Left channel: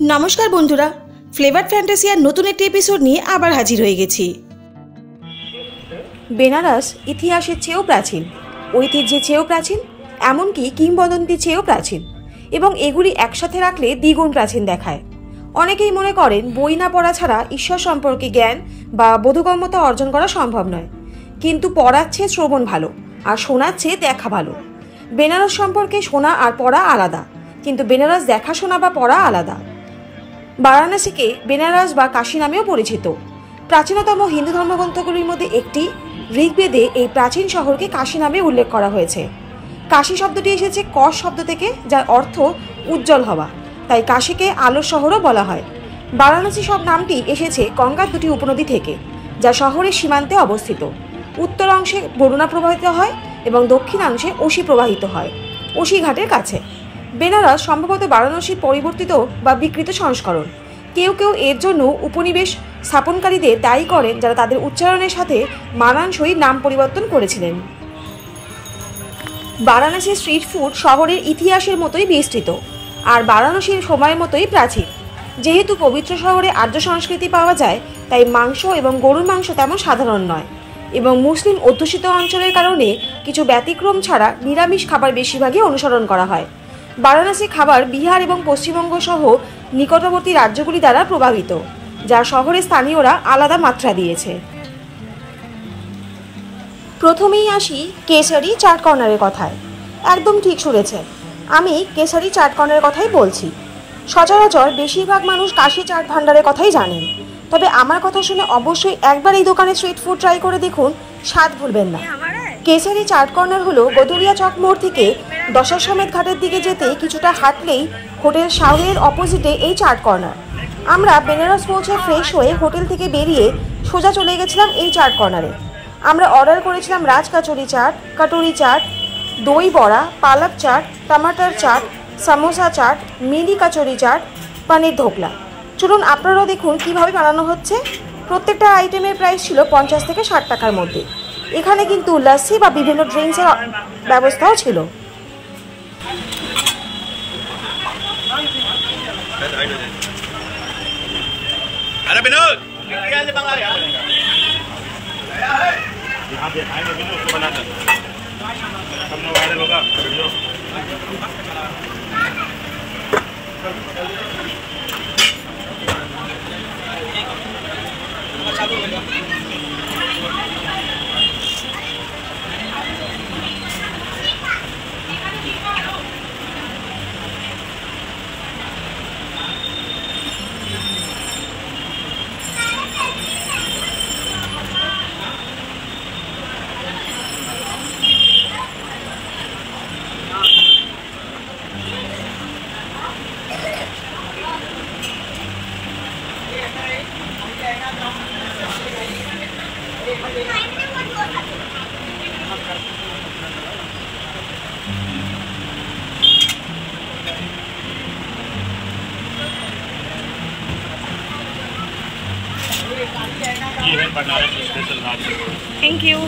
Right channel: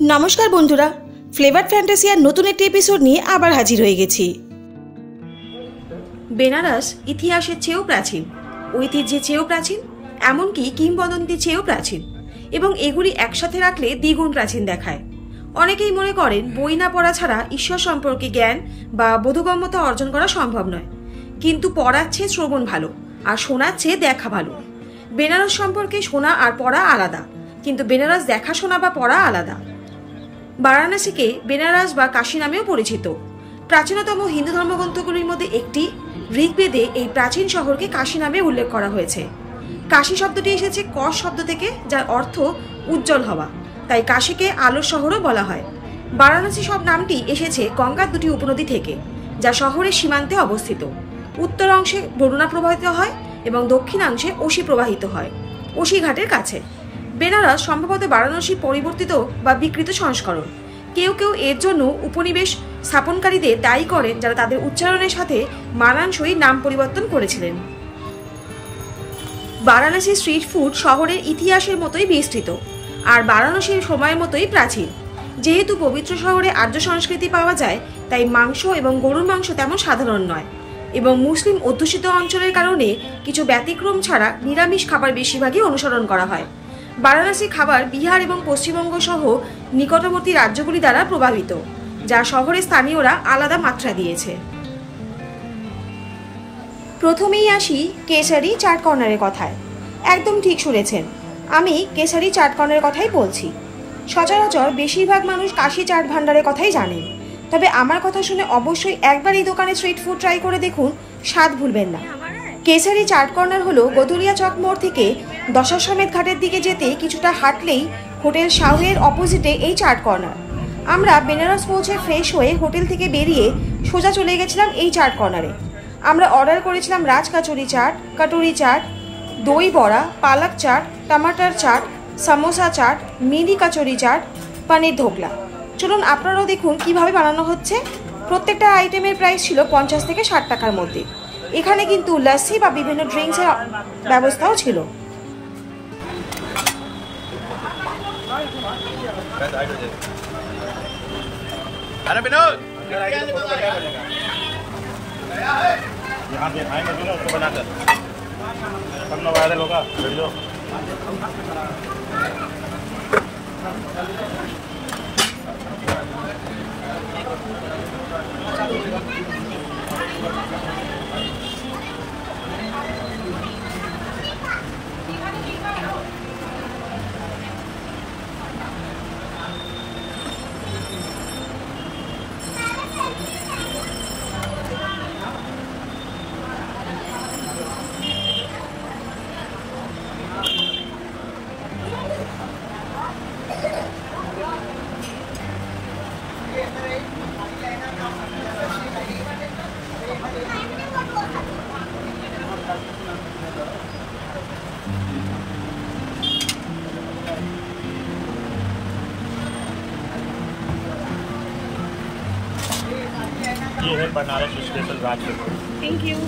नमस्कार बंधुरा फ्लेवर फैंटासियार नतून एक एपिसोड निये आबार हाजिर हो गेছি। बेनारस इतिहासेर चेয়েও प्राचीन, ঐতিহ্যের চেয়েও प्राचीन, এমনকি কিংবদন্তির চেয়েও प्राचीन এবং এগুলি একসাথে রাখলে দ্বিগুণ প্রাচীন দেখায়। অনেকেই মনে করেন বই না পড়া ছাড়া ঈশ্বর সম্পর্কে জ্ঞান বা বোধগম্যতা অর্জন করা সম্ভব নয়, কিন্তু পড়ার চেয়ে শ্রবণ ভালো আর শোনার চেয়ে দেখা ভালো। বেনারস সম্পর্কে শোনা আর পড়া আলাদা, কিন্তু বেনারস দেখা শোনা বা পড়া আলাদা। বারাণসীকে বেনারস বা কাশী নামেও পরিচিত। প্রাচীনতম হিন্দু ধর্মগ্রন্থগুলির মধ্যে একটি ঋগ্বেদে এই প্রাচীন শহরকে কাশী নামে উল্লেখ করা হয়েছে। কাশী শব্দটি এসেছে কশ শব্দ থেকে, যার অর্থ উজ্জ্বল হওয়া, তাই কাশীকে আলোর শহরও বলা হয়। বারাণসী সব নামটি এসেছে গঙ্গার দুটি উপনদী থেকে, যা শহরের সীমান্তে অবস্থিত। উত্তর অংশে বরুণা প্রবাহিত হয় এবং দক্ষিণাংশে অসি প্রবাহিত হয়, অসি ঘাটের কাছে। বেনারস সম্ভবত বারাণসীর পরিবর্তিত বা বিকৃত সংস্করণ। কেউ কেউ এর জন্য উপনিবেশ স্থাপনকারীদের দায়ী করেন, যারা তাদের উচ্চারণের সাথে মানানসই নাম পরিবর্তন করেছিলেন। বারাণসীর স্ট্রিট ফুড শহরের ইতিহাসের মতোই বিস্তৃত আর বারাণসীর সময়ের মতোই প্রাচীন। যেহেতু পবিত্র শহরে আর্য সংস্কৃতি পাওয়া যায়, তাই মাংস এবং গরুর মাংস তেমন সাধারণ নয় এবং মুসলিম অধ্যুষিত অঞ্চলের কারণে কিছু ব্যতিক্রম ছাড়া নিরামিষ খাবার বেশিরভাগই অনুসরণ করা হয়। বারাণসী খাবার বিহার এবং পশ্চিমবঙ্গ সহ নিকটবর্তী রাজ্যগুলি দ্বারা প্রভাবিত, যা শহরের স্থানীয়রা আলাদা মাত্রা দিয়েছে। প্রথমেই আসি কেশারি চাট কর্নারের কথায়। একদম ঠিক শুনেছেন, আমি কেশারি চাট কর্নারের কথাই বলছি। সচরাচর বেশিরভাগ মানুষ কাশী চাট ভান্ডারের কথাই জানেন, তবে আমার কথা শুনে অবশ্যই একবার এই দোকানে স্ট্রিট ফুড ট্রাই করে দেখুন, স্বাদ ভুলবেন না। কেশারি চাট কর্নার হলো গদুরিয়া চক মোড় থেকে দশাশ্বমেধ ঘাটের দিকে যেতে কিছুটা হাঁটলেই হোটেল শাওহের অপোজিটে এই চাট কর্নার। আমরা বেনারস পৌঁছে ফ্রেশ হয়ে হোটেল থেকে বেরিয়ে সোজা চলে গেছিলাম এই চাট কর্নারে। আমরা অর্ডার করেছিলাম রাজ কচুরি চাট, কটুরি চাট, দই বড়া, পালক চাট, টমাটার চাট, সামোসা চাট, মিনি কচুরি চাট, পনির ধোকলা। চলুন আপনারাও দেখুন কিভাবে বানানো হচ্ছে। প্রত্যেকটা আইটেমের প্রাইস ছিল 50 থেকে 60 টাকার মধ্যে। এখানে কিন্তু লস্যি বা বিভিন্ন ড্রিঙ্কসের ব্যবস্থাও ছিল। Thank you.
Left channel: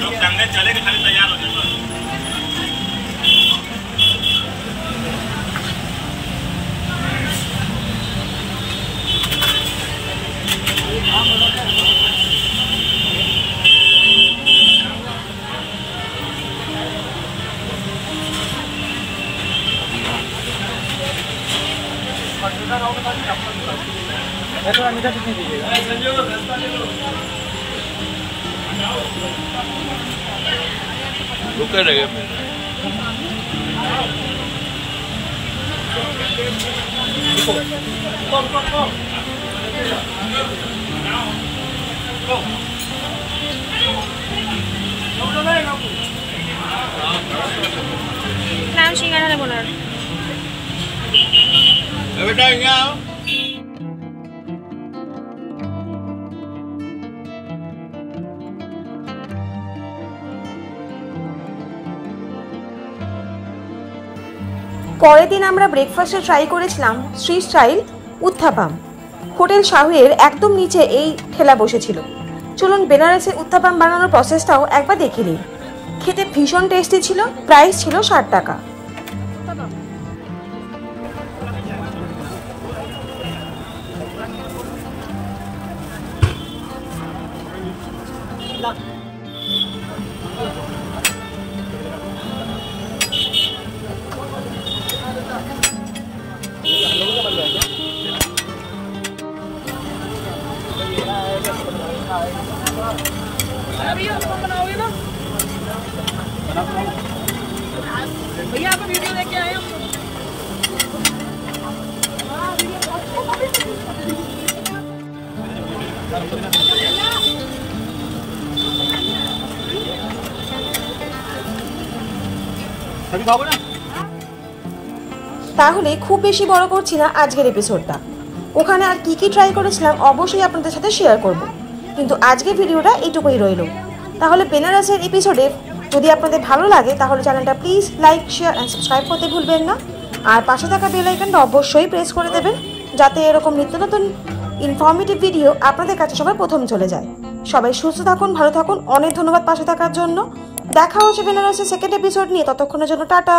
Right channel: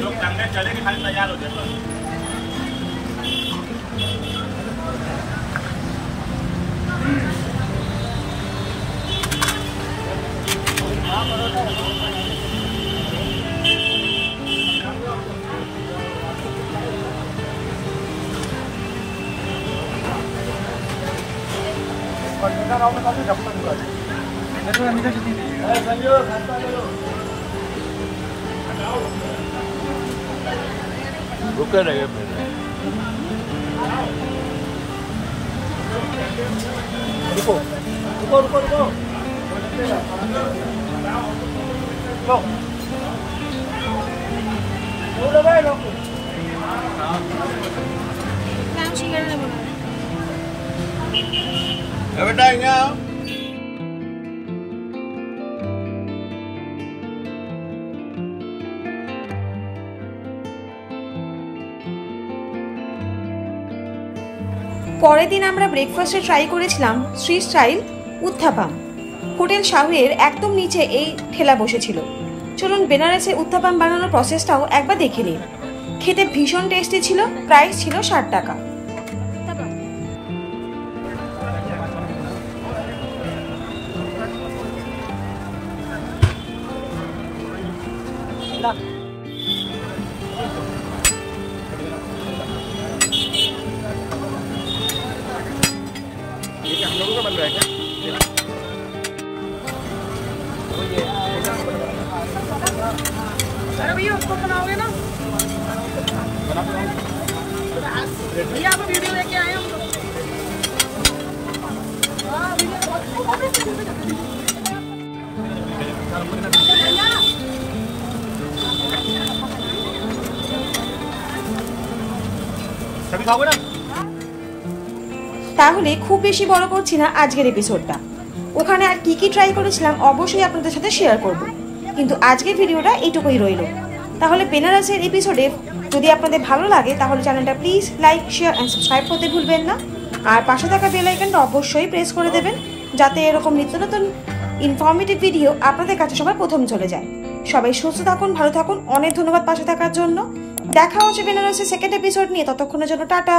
लोग टांगने चले के खाली तैयार हो जाए। रुके रहिए। Go. না সিঙ্গারা নেবো না। बेटा यहाँ পরের দিন আমরা ব্রেকফাস্টে ট্রাই করেছিলাম স্ট্রিট স্টাইল উত্থাপাম। হোটেল শাহুয়ের একদম নিচে এই ঠেলা বসেছিল। চলুন বেনারসে উত্থাপাম বানানোর প্রসেসটাও একবার দেখে নিন। খেতে ভীষণ টেস্টি ছিল, প্রাইস ছিল 60 টাকা। भैया उसको बनाओगे ना भैया आप वीडियो लेके आए हो सभी खाओगे ना তাহলে খুব বেশি বড় করছি না আজকের এপিসোডটা। ওখানে আর কি কি ট্রাই করেছিলাম অবশ্যই আপনাদের সাথে শেয়ার করব, কিন্তু আজকের ভিডিওটা এইটুকুই রইল। তাহলে বেনারসের এপিসোডে যদি আপনাদের ভালো লাগে তাহলে চ্যানেলটা please like, share and subscribe করতে ভুলবেন না। আর পাশে থাকা বেল আইকনটা অবশ্যই প্রেস করে দেবেন, যাতে এরকম নিত্য নতুন ইনফরমেটিভ ভিডিও আপনাদের কাছে সবার প্রথম চলে যায়। সবাই সুস্থ থাকুন, ভালো থাকুন। অনেক ধন্যবাদ পাশে থাকার জন্য। দেখা হচ্ছে বেনারসের সেকেন্ড এপিসোড নিয়ে। ততক্ষণের জন্য টাটা।